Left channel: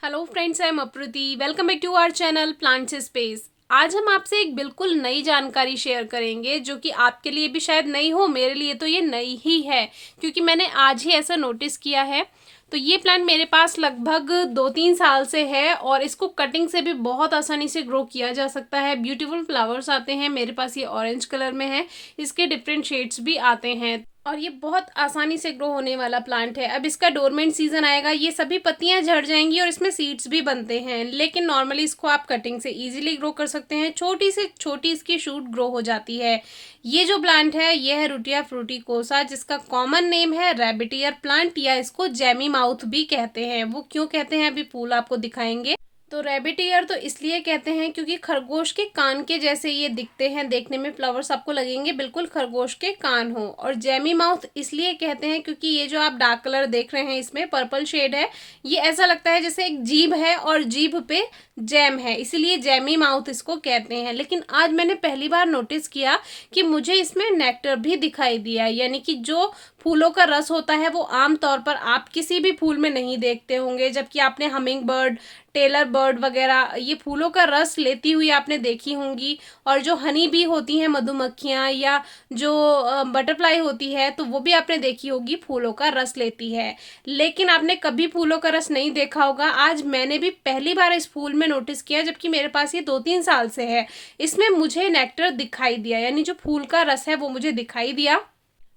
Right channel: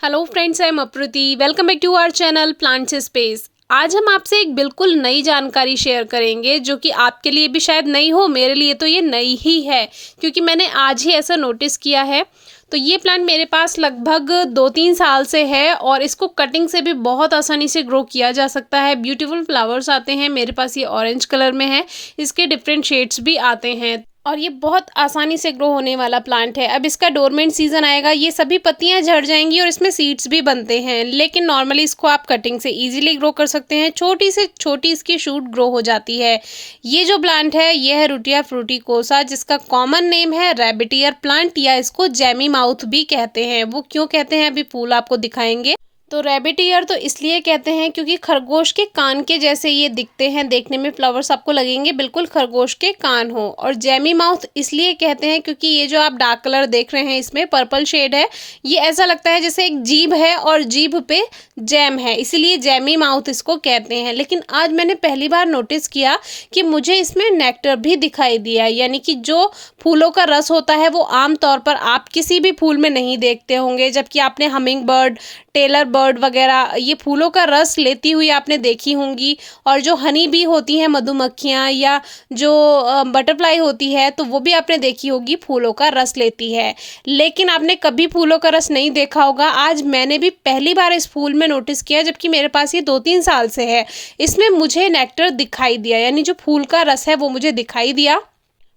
Hello friends, I am Apruti. Welcome back to our channel plants space. आज हम आपसे एक बिल्कुल नई जानकारी शेयर करेंगे जो कि आपके लिए भी शायद नई हो, मेरे लिए तो ये नई ही है क्योंकि मैंने आज ही ऐसा नोटिस किया है। तो ये प्लांट मेरे पास लगभग 2-3 साल से है और इसको कटिंग से भी बहुत आसानी से ग्रो किया जा सकता है। ब्यूटीफुल फ्लावर्स आते हैं। मेरे पास ये ऑरेंज कलर में है, इसके डिफरेंट शेड्स भी आते हैं और ये बहुत आसानी से ग्रो होने वाला प्लांट है। अब इसका डोरमेंट सीजन आएगा, ये सभी पत्तियां झड़ जाएंगी और इसमें सीड्स भी बनते हैं, लेकिन नॉर्मली इसको आप कटिंग से इजीली ग्रो कर सकते हैं। छोटी से छोटी इसकी शूट ग्रो हो जाती है। ये जो प्लांट है ये है रुटिया फ्रूटिकोसा, जिसका कॉमन नेम है रैबिट ईयर प्लांट या इसको जैमी माउथ भी कहते हैं। वो क्यों कहते हैं अभी फूल आपको दिखाएंगे। तो रैबिट ईयर तो इसलिए कहते हैं क्योंकि खरगोश के कान के जैसे ये दिखते हैं, देखने में फ्लावर्स आपको लगेंगे बिल्कुल खरगोश के कान हो। और जैमी माउथ इसलिए कहते हैं क्योंकि ये जो आप डार्क कलर देख रहे हैं इसमें पर्पल शेड है, ये ऐसा लगता है जैसे एक जीभ है और जीभ पे जैम है, इसीलिए जैमी माउथ इसको कहते हैं। लेकिन आज मैंने पहली बार नोटिस किया कि मुझे इसमें नेक्टर भी दिखाई दिया, यानी कि जो फूलों का रस होता है वो आमतौर पर आप किसी भी फूल में नहीं देखते होंगे, जबकि आपने हमिंग बर्ड, टेलर बर्ड वगैरह ये फूलों का रस लेती हुई आपने देखी होंगी। और जो हनी बी होती हैं मधुमक्खियाँ या जो बटरफ्लाई होती है तो वो भी आपने देखी होगी फूलों का रस लेती है, लेकिन आपने कभी फूलों का रस नहीं देखा होगा। आज मैंने भी पहली बार इस फूल में नोटिस किया, जबकि मेरे पास ये 2-3 साल से है। इसमें मुझे नेक्टर दिखाई दिया, यानी जो फूल का रस है वो मुझे दिखाई दिया।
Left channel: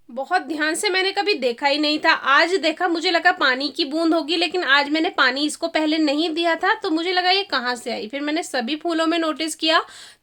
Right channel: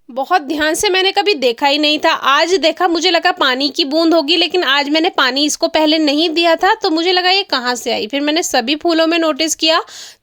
बहुत ध्यान से मैंने कभी देखा ही नहीं था, आज देखा, मुझे लगा पानी की बूंद होगी, लेकिन आज मैंने पानी इसको पहले नहीं दिया था तो मुझे लगा ये कहाँ से आई। फिर मैंने सभी फूलों में नोटिस किया,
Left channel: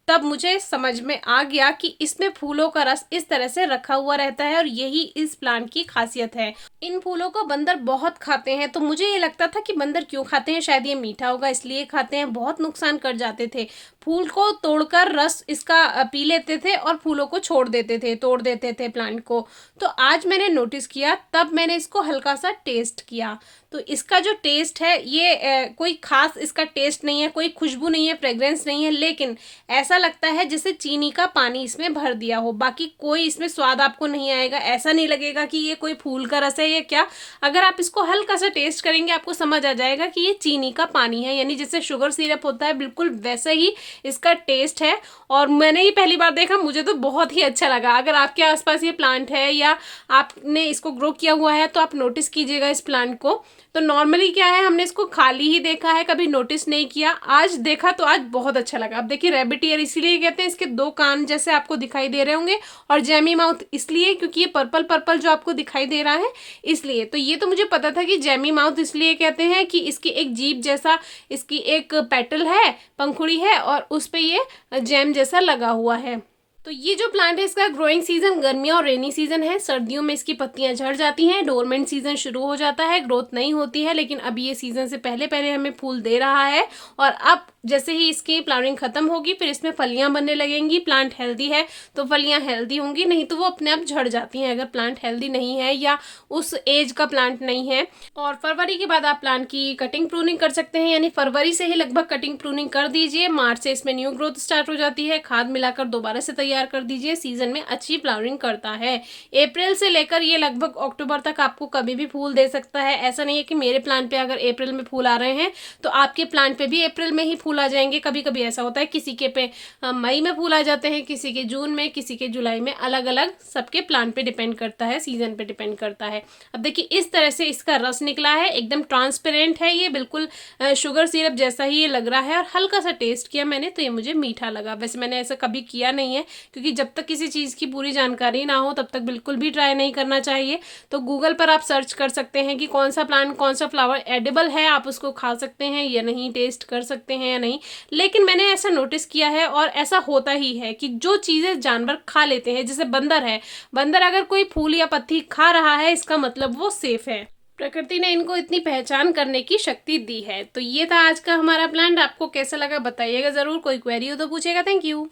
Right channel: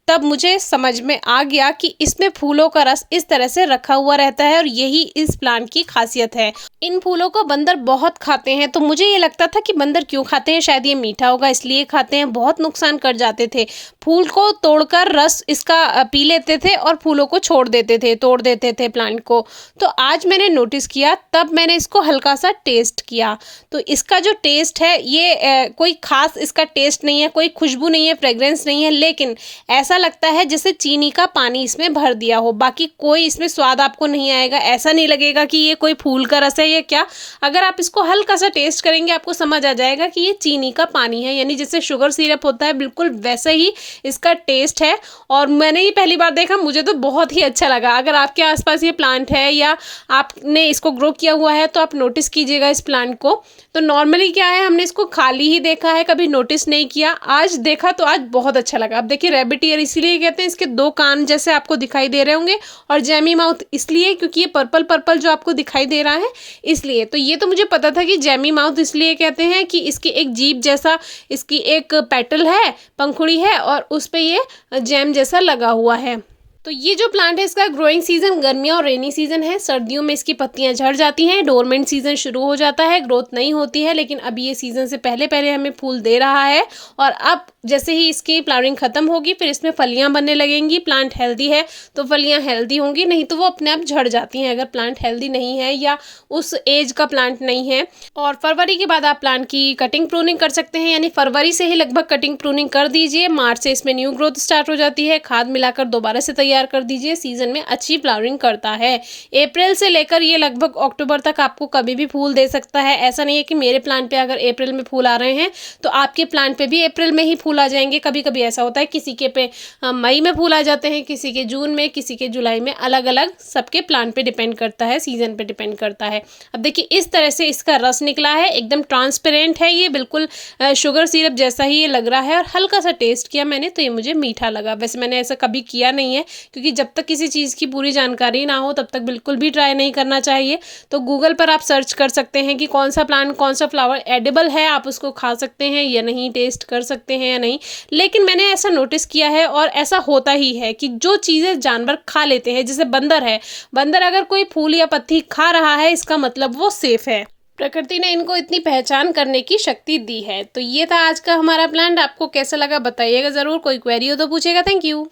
तब मुझे समझ में आ गया कि इसमें फूलों का रस इस तरह से रखा हुआ रहता है और यही इस प्लांट की खासियत है। इन फूलों को बंदर बहुत खाते हैं, तो मुझे ये लगता था कि बंदर क्यों खाते हैं, शायद ये मीठा होगा इसलिए खाते हैं। बहुत नुकसान कर जाते थे, फूल को तोड़कर रस इसका पी लेते थे और फूलों को छोड़ देते थे, तोड़ देते थे प्लांट को। तो आज मैंने नोटिस किया, तब मैंने इसको हल्का सा टेस्ट किया। तो इसका जो टेस्ट है ये कोई खास इसका टेस्ट नहीं है, कोई खुशबू नहीं है, फ्रेग्रेंस नहीं है, लेकिन ऐसा लगता है जैसे चीनी का पानी इसमें भर दिया हो। बाकी कोई इसमें स्वाद आपको नहीं आएगा, ऐसा नहीं लगेगा कि ये कोई फूल का रस है या क्या। अगर आप इसको हल्का सा टेस्ट करेंगे आपको समझ आ जाएगा कि ये चीनी का पानी है, यानी जैसे शुगर सिरप होता है बिल्कुल वैसा ही इसका टेस्ट है। और मैंने ये पहली बार देखा, मुझे तो बहुत ही अच्छा लगा। अगर आपके आसपास ये प्लांट है या आपने इसको ग्रो किया हुआ है तो आप नोटिस कीजिएगा इस प्लांट को। तो नॉर्मली क्या है, हमने इसको खाली ही देखा है, कभी नोटिस नहीं किया। आज देखा तो आज बहुत अच्छा लगा। अब देखिए रैबिट ईयर इसीलिए कहते हैं, इसके 2 कान जैसे आपको दिखाई दे रहे होंगे, और जैमी माउथ इसलिए क्योंकि ये पर्पल पर्पल जो आपको दिखाई दे रहा है इसलिए। तो ये तो मुझे पता था कि जैमी माउथ इसलिए कहते हैं कि इसकी एक जीभ जैसा इसकी एक पेटल है, पंखुड़ी है, और उस पर ये जैम जैसा लगा हुआ है। तो ये जो प्लांट है इसका ग्रोइंग सीजन गर्मियाँ और रेनी सीजन है। सर्दियों में इसकी पत्तियां झड़ जाती हैं, डोरमेंट सीजन शुरू हो जाता है, ग्रोथ नहीं होती है, लेकिन अभी ये सीजन से पहले पहले हमें फूल दे रहा है। और अब जैसे ही इसकी फ्लावरिंग खत्म होगी फिर इसमें फलियां बनने लगेंगी। प्लांट हेल्दी है तो फलियां हेल्दी होंगी, नहीं तो वो अपने आप झड़ जाती हैं अगर प्लांट हेल्दी नहीं है या उस एज का प्लांट नहीं है। और फरवरी के बाद आप प्लांट की कटिंग प्रूनिंग कर सकते हैं, यानी फरवरी से ही लगभग कटिंग प्रूनिंग कर दीजिए। मार्च से इसमें न्यू ग्रोथ स्टार्ट हो जाती है, खाद मिलाकर दोबारा से तैयार कर दीजिए, सीजन में अच्छी फ्लावरिंग करता है। अप्रैल से लेकर ये लगभग अक्टूबर तक आपको कभी भी फूल दे सकता है। ऐसा नहीं है कि मेरे प्लांट पे अगर अप्रैल में फूल आ रहे हैं तो आपके प्लांट पे भी अप्रैल में ही फूल आ जाएंगे। कभी कभी ऐसा होता है किसी के पे मई में फूल आ जाते हैं, किसी के जून में, किसी के जुलाई में, अलग अलग सबके प्लांट पे डिपेंड करता है, सीजन पे डिपेंड करता है। अब देखिए इस तरह से इसका रस निकला है, एकदम ट्रांसपेरेंट है, ये बिल्कुल शुगर सिरप जैसा ही ये लग रहा है। और हल्का सा टेस्ट किया मैंने तो ये मुझे मीठा लगा। वैसे मैंने ऐसा कभी किया नहीं है क्योंकि जब तक किसी चीज़ की पूरी जानकारी ना हो तब तक बिल्कुल भी ट्राई नहीं करना चाहिए। तो गूगल पर आप सर्च कर सकते हैं कि कौन सा प्लांट, कौन सा फ्लावर एडिबल है, आप उसको खा सकते हैं या नहीं, टेस्ट कर सकते हैं या नहीं। लेकिन मैंने ऐसा नोटिस किया है और ऐसा होता ही है कि जो चीज़ें जानवर खा लेते हैं, जैसे बंदर है, बंदर अगर कोई फूल या पत्ती खा रहा है इसका मतलब वो सेफ है। प्रकृति ने इनको इतनी पहचान करने की शक्ति दी है। तो ये था आज का हमारा प्लांट। आपको कैसा लगा बताइएगा ज़रूर, कोई क्वेरी हो तो पूछेगा। Thank you.